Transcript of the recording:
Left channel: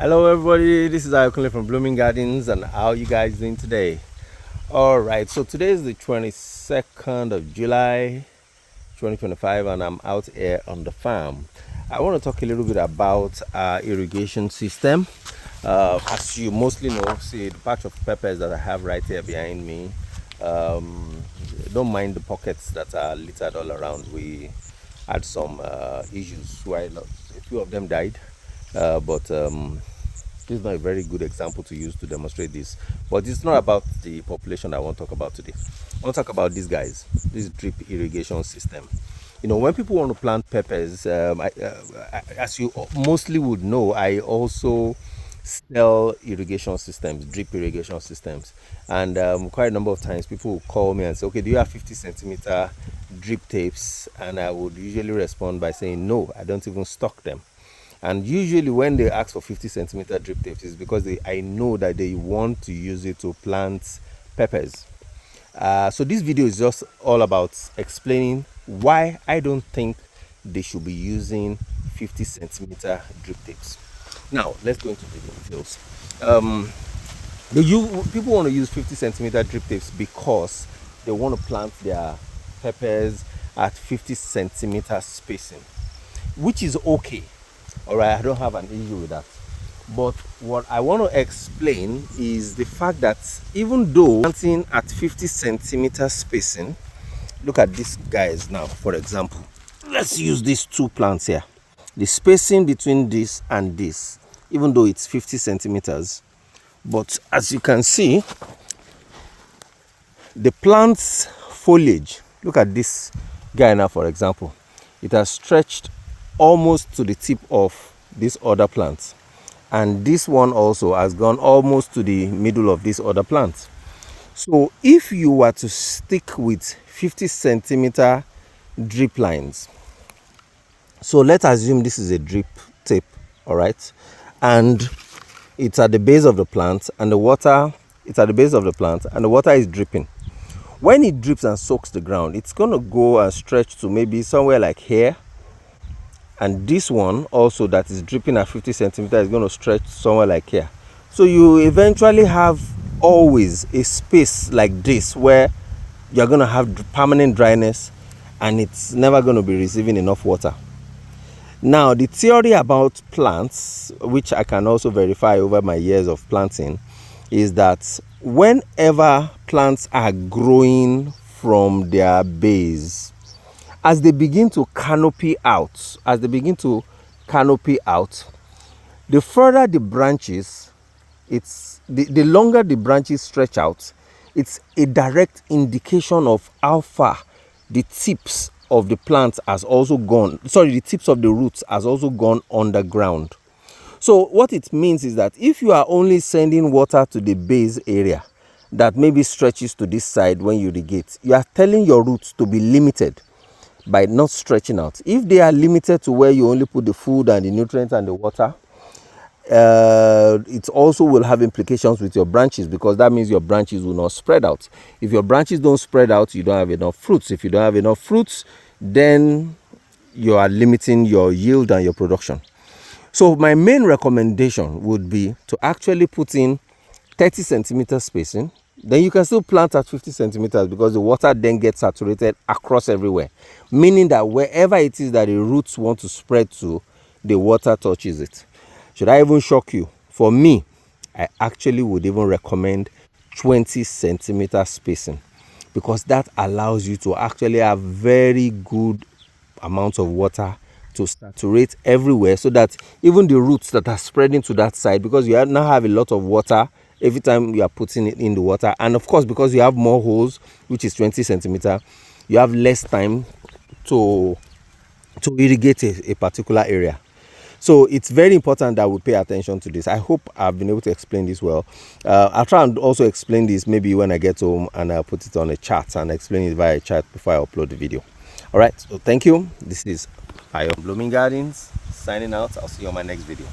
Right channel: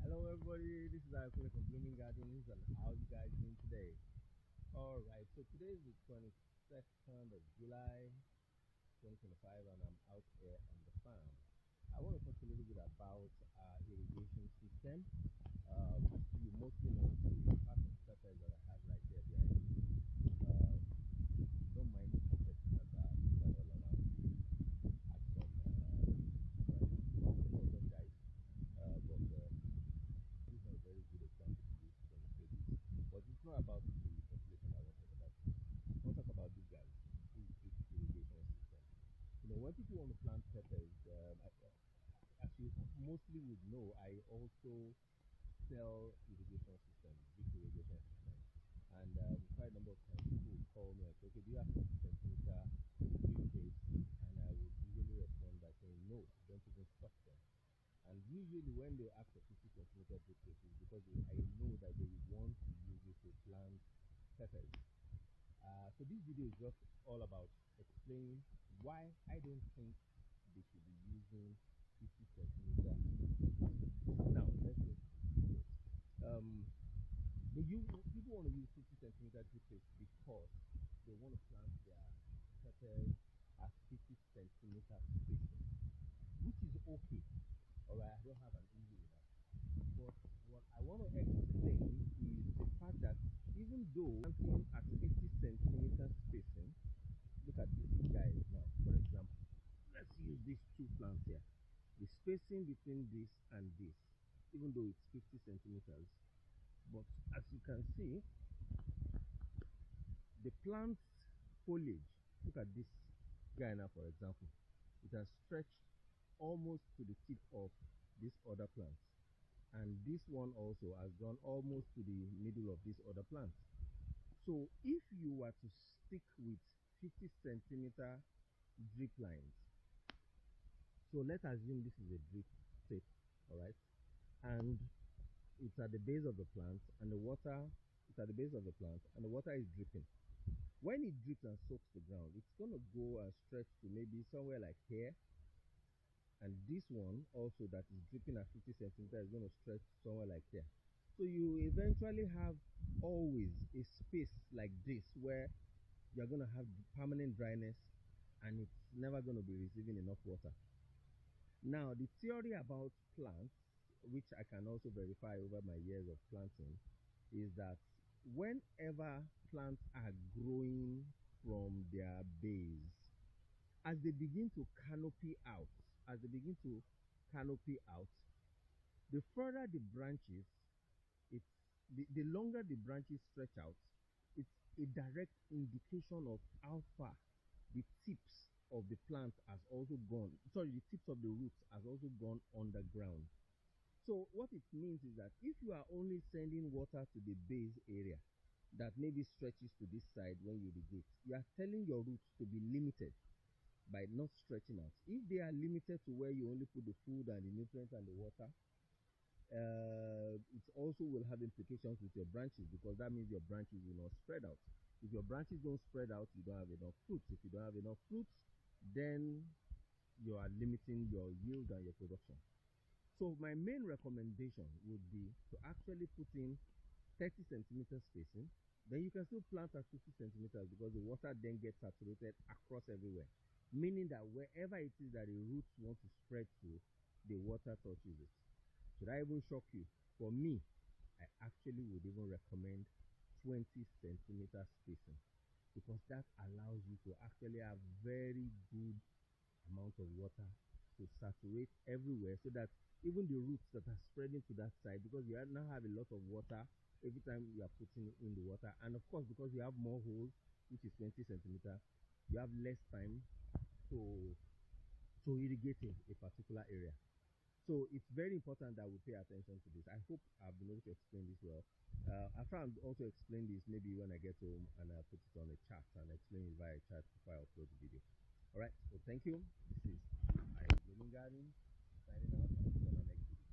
Hello everybody, this is Ayokunle from Blooming Gardens, and how are you guys doing today? Alright, so today is the 22nd of July 2025 and I'm out here on the farm. I want to talk a little bit about our irrigation system. As you mostly know, see the patch of peppers that I have right here behind me. Um, don't mind the pockets that are littered all around. We had some issues where a few of them died, but this is not a very good example to use to demonstrate this. But it's not about the population I want to talk about today. I want to talk about these guys, this drip irrigation system. When people want to plant peppers, as you mostly would know, I also sell irrigation systems, drip irrigation systems. And quite a number of times people will call me and say, okay, do you have 50 centimeter drip tapes? And I would usually respond by saying, no, I don't even stock them. And usually when they ask for 50 centimeter drip tapes, is because I know that they want to use it to plant peppers. So this video is just all about explaining why I don't think they should be using 50 centimeter drip tapes. Now let's go into the details. People want to use 50 centimeter drip tapes because they want to plant their peppers at 50 centimeter spacing, which is okay. All right, I don't have an issue with that. But what I want to explain is the fact that even though planting at 50 centimeter spacing, look at these guys now, for example. Let's use these two plants here. The spacing between this and this, even though it's 50 centimeters, but as you can see, the plant's foliage, look at this guy now, for example, it has stretched almost to the tip of this other plant, and this one also has gone almost to the middle of this other plant. So if you were to stick with 50 centimeter drip lines, so let's assume this is a drip tape, all right, and it's at the base of the plant, and the water is dripping. When it drips and soaks the ground, it's going to go and stretch to maybe somewhere like here. And this one also that is dripping at 50 centimeters is going to stretch somewhere like here. So you eventually have always a space like this where you're going to have permanent dryness and it's never going to be receiving enough water. Now, the theory about plants, which I can also verify over my years of planting, is that whenever plants are growing from their base, as they begin to canopy out, the further the branches, the longer the branches stretch out, it's a direct indication of how far the tips of the plant has also gone. Sorry, the tips of the roots has also gone underground. So what it means is that if you are only sending water to the base area that maybe stretches to this side when you irrigate, you are telling your roots to be limited by not stretching out. If they are limited to where you only put the food and the nutrients and the water, it also will have implications with your branches, because that means your branches will not spread out. If your branches don't spread out, you don't have enough fruits. If you don't have enough fruits, then you are limiting your yield and your production. So my main recommendation would be to actually put in 30 centimeter spacing. Then you can still plant at 50 centimeters because the water then gets saturated across everywhere, meaning that wherever it is that the roots want to spread to, the water touches it. Should I even shock you? For me, I actually would even recommend 20 centimeter spacing, because that allows you to actually have very good amounts of water to saturate everywhere, so that even the roots that are spreading to that side, because you now have a lot of water every time you are putting it in the water, and of course because you have more holes, which is 20 centimeter, you have less time to irrigate a particular area. So it's very important that we pay attention to this. I hope I've been able to explain this well. I'll try and also explain this maybe when I get home, and I'll put it on a chat and explain it via a chat before I upload the video. All right, so thank you. This is Blooming Gardens signing out. I'll see you on my next video.